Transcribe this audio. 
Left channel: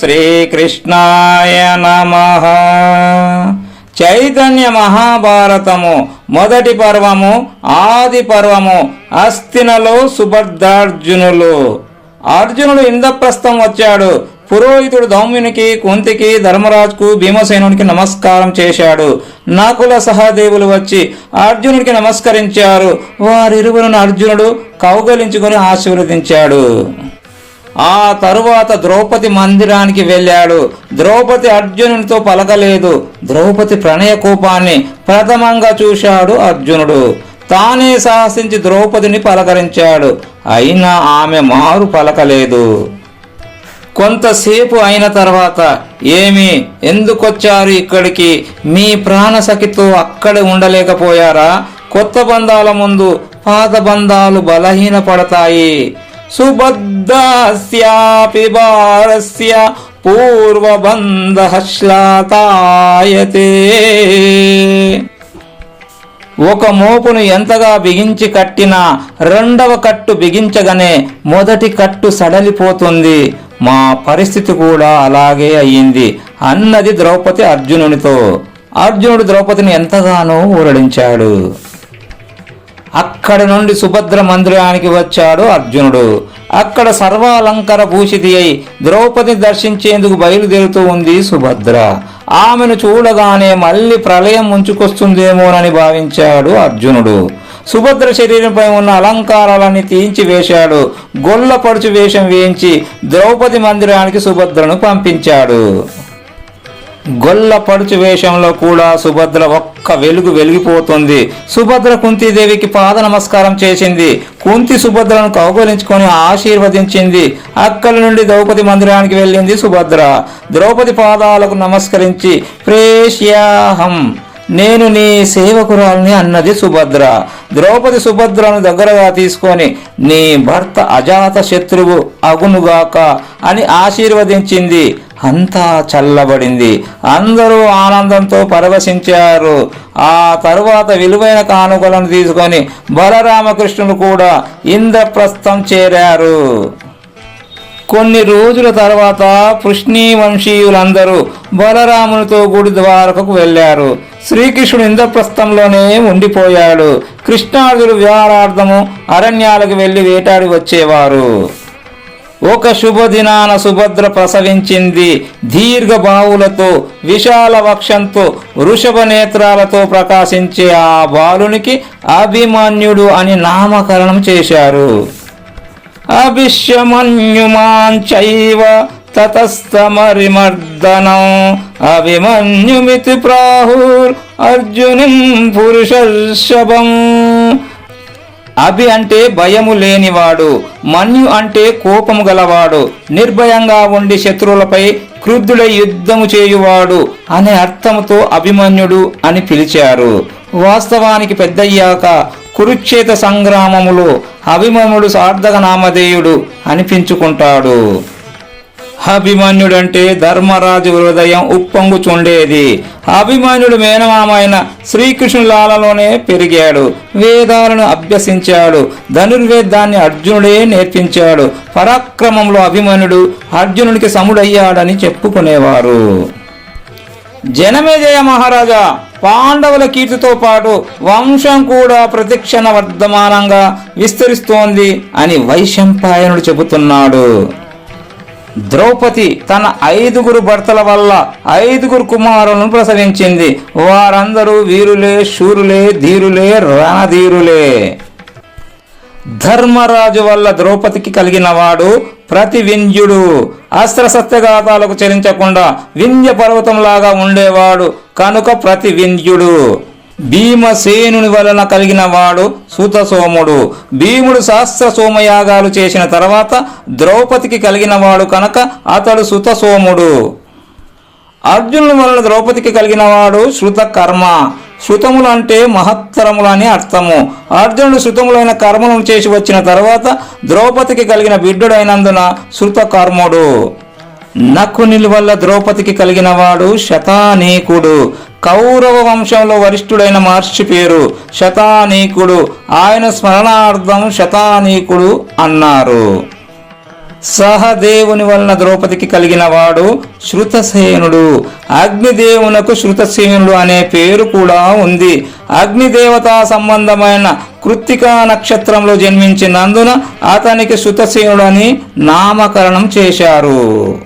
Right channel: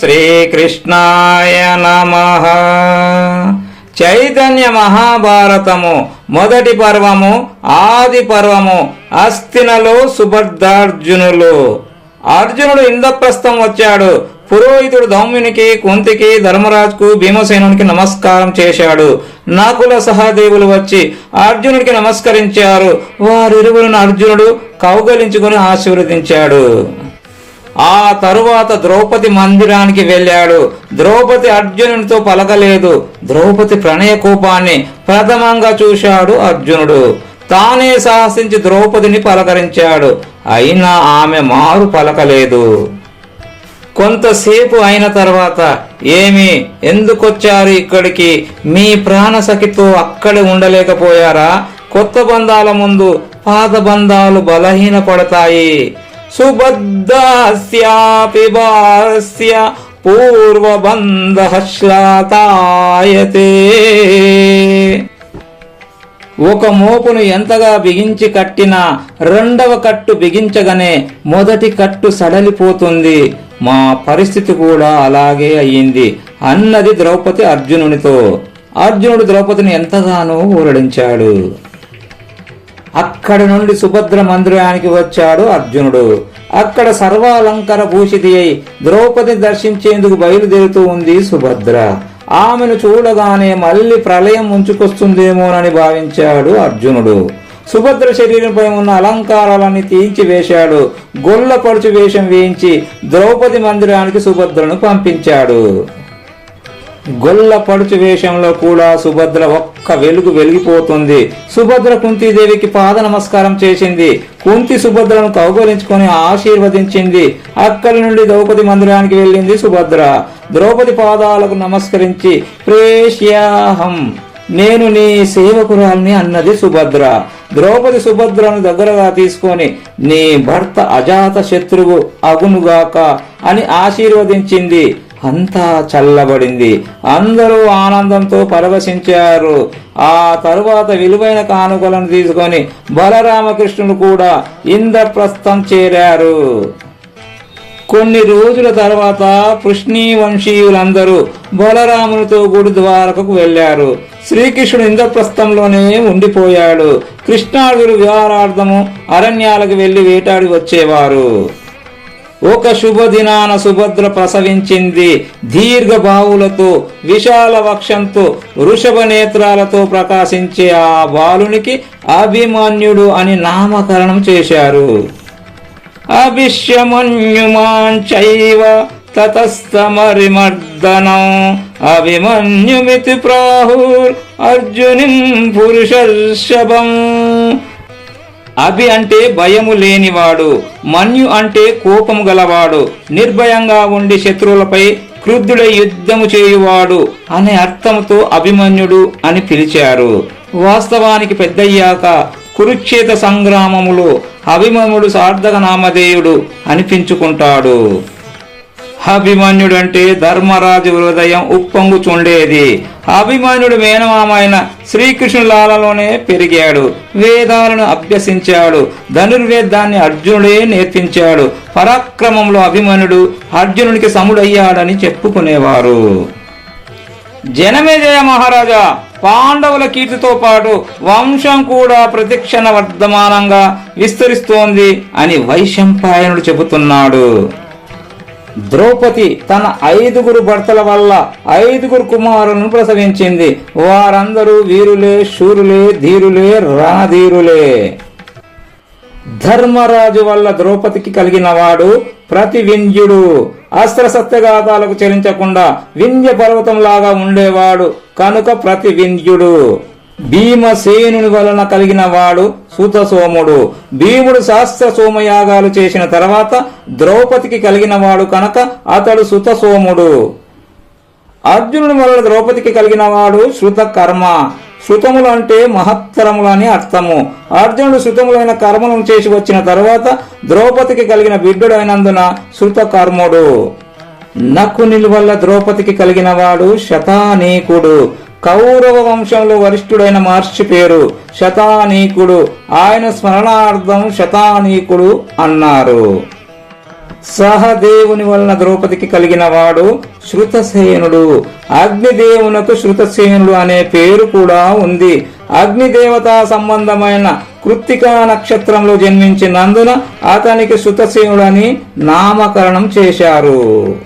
శ్రీకృష్ణాయ నమః. చైతన్య మహాభారతము మొదటి పర్వము ఆది పర్వము. అస్తినలో సుభద్రార్జునులు. అర్జునుడు ఇంద్రప్రస్థం వచ్చాడు. పురోహితుడు ధౌమ్యునికి, కుంతికి, ధర్మరాజుకు, భీమసేనునికి నమస్కారం చేశాడు. నకుల సహదేవులు వచ్చి అర్జునుడికి నమస్కరించారు. వారిరువురును అర్జునుడు కౌగలించుకొని ఆశీర్వదించాడు. ఆ తరువాత ద్రౌపది మందిరానికి వెళ్ళాడు. ద్రౌపది అర్జునునితో పలకలేదు. ద్రౌపది ప్రణయ కోపాన్ని ప్రథమంగా చూశాడు అర్జునుడు. తానే సాహసించి ద్రౌపదిని పలకరించాడు. అయినా ఆమె మారు పలకలేదు. కొంతసేపు అయిన తర్వాత, ఏమి, ఎందుకొచ్చారు ఇక్కడికి? మీ ప్రాణసఖితో అక్కడే ఉండలేకపోయారా? కొత్త బంధాల ముందు పాత బంధాలు బలహీనపడతాయి. సుబద్ధాస్యాపి భారస్య పూర్వబంధః శ్లాతాయతే. ఒక మోపును ఎంతగా బిగించి కట్టినా రెండవ కట్టు బిగించగానే మొదటి కట్టు సడలిపోతుంది. మా పరిస్థితి కూడా అలాగే అయ్యింది అన్నది ద్రౌపది అర్జునునితో. అర్జునుడు ద్రౌపదిని ఎంతగానో ఊరడించాడు. అక్కడ నుండి సుభద్ర మందిరానికి వచ్చాడు అర్జునుడు. అక్కడ సర్వాలంకార భూషితి అయి ద్రౌపదిని దర్శించేందుకు బయలుదేరుతూ ఉంది సుభద్ర. ఆమెను చూడగానే మళ్ళీ ప్రళయం ముంచుకొస్తుందేమోనని భావించాడు అర్జునుడు. సుభద్ర శరీరంపై ఉన్న అలంకారాలన్నీ తీయించి వేశాడు. గొల్ల పడుచు వేషం వేయించి ద్రౌపది మందిరానికి సుభద్రను పంపించాడు. గొల్ల పడుచు వేషంలో కూడా సుభద్ర ఒక్క వెలుగు వెలిగిపోతుంది. సుభద్ర కుంతీదేవికి పాద నమస్కారం చేసింది. కుంతి సుభద్రను కౌగలించుకొని ఆశీర్వదించింది. అక్కడి నుండి ద్రౌపది మందిరానికి వెళ్ళింది సుభద్ర. ద్రౌపది పాదాలకు నమస్కరించి ప్రేష్యాహం, నేను నీ సేవకురాల్ని అన్నది సుభద్ర. ద్రౌపది సుభద్రను దగ్గరగా తీసుకొని నీ భర్త అజాత శత్రువు అగునుగాక అని ఆశీర్వదించింది. అంతా చల్లబడింది. అందరూ ఆనందంతో పరవశించారు. ఆ తరువాత విలువైన కానుకలను తీసుకొని బలరామకృష్ణులు కూడా ఇంద్రప్రస్థం చేరారు. కొన్ని రోజుల తర్వాత పృష్ణీ వంశీయులందరూ బలరామునితో గుడి ద్వారకకు వెళ్లారు. శ్రీకృష్ణుడు ఇంద్రప్రస్థంలోనే ఉండిపోయాడు. కృష్ణార్జునుడు విహారార్థము అరణ్యాలకు వెళ్లి వేటాడి వచ్చేవారు. ఒక శుభదినాన సుభద్ర ప్రసవించింది. దీర్ఘ బాహులతో, విశాల వక్షంతో, వృషభ నేత్రాలతో ప్రకాశించే ఆ బాలునికి అభిమన్యుడు అని నామకరణం చేశారు. అభిష్యమన్యుమాంచైవ తతస్తమరిమర్దనం అభిమన్యుమితి ప్రాహుర్ అర్జునిం పురుషర్షభం. అభి అంటే భయము లేనివాడు, మన్యు అంటే కోపము గలవాడు, నిర్భయంగా ఉండి శత్రువులపై క్రుద్ధుడై యుద్ధము చేయువాడు అనే అర్థముతో అభిమన్యుడు అని పిలిచారు. వాస్తవానికి పెద్దయ్యాక కురుక్షేత్ర సంగ్రామములో అభిమన్యుడు సార్థక నామధేయుడు అనిపించుకుంటాడు. అభిమన్యుడు అంటే ధర్మరాజు హృదయం ఉప్పొంగుచుండేది. అభిమన్యుడు మేనమామైన శ్రీకృష్ణులాలలోనే పెరిగాడు. వేదాలను అభ్యసించాడు. ధనుర్వేదాన్ని అర్జునుడే నేర్పించాడు. పరాక్రమంలో అభిమన్యుడు అర్జునునికి సముడయ్యాడని చెప్పుకునేవారు. జనమేజయ మహారాజా, పాండవుల కీర్తితో పాటు వంశం కూడా ప్రతిక్షణ వర్ధమానంగా విస్తరిస్తోంది అని వైశంపాయనుడు చెబుతున్నాడు. ద్రౌపది తన 5 భర్తల వల్ల 5 కుమారులను ప్రసవించింది. వారందరూ వీరులే, శూరులే, ధీరులే, రణధీరులే. ధర్మరాజు వల్ల ద్రౌపదికి కలిగిన వాడు ప్రతివింధ్యుడు. అస్త్రశస్త్రఘాతాలకు చరించకుండా వింధ్య పర్వతంలాగా ఉండేవాడు కనుక ప్రతివింధ్యుడు. భీమసేనుని వలన కలిగిన వాడు సుతసోముడు. భీముడు సహస్ర సోమయాగాలు చేసిన తర్వాత ద్రౌపదికి కలిగిన వాడు కనుక అతడు సుతసోముడు. అర్జునుని వలన ద్రౌపదికి కలిగిన వాడు శృతకర్మ. శృతములు అంటే మహత్తరములని అర్థము. అర్జునుడు శృతములైన కర్మలను చేసి వచ్చిన తర్వాత ద్రౌపదికి కలిగిన బిడ్డుడైనందున శృతకర్ముడు. నకుని వల్ల ద్రౌపదికి కలిగిన వాడు శతానీకుడు. కౌరవ వంశంలో వరిష్ఠుడైన మహర్షి పేరు శతానీకుడు. ఆయన స్మరణార్థం శతానీకుడు అన్నారు. సహదేవుని వలన ద్రౌపదికి కలిగిన వాడు శృతసేనుడు. అగ్నిదేవునకు శృతసేనుడు అనే పేరు కూడా ఉంది. అగ్నిదేవతా సంబంధమైన కృత్తికా నక్షత్రంలో జన్మించినందున అతనికి శృతసేనుడు అని నామకరణం చేశారు.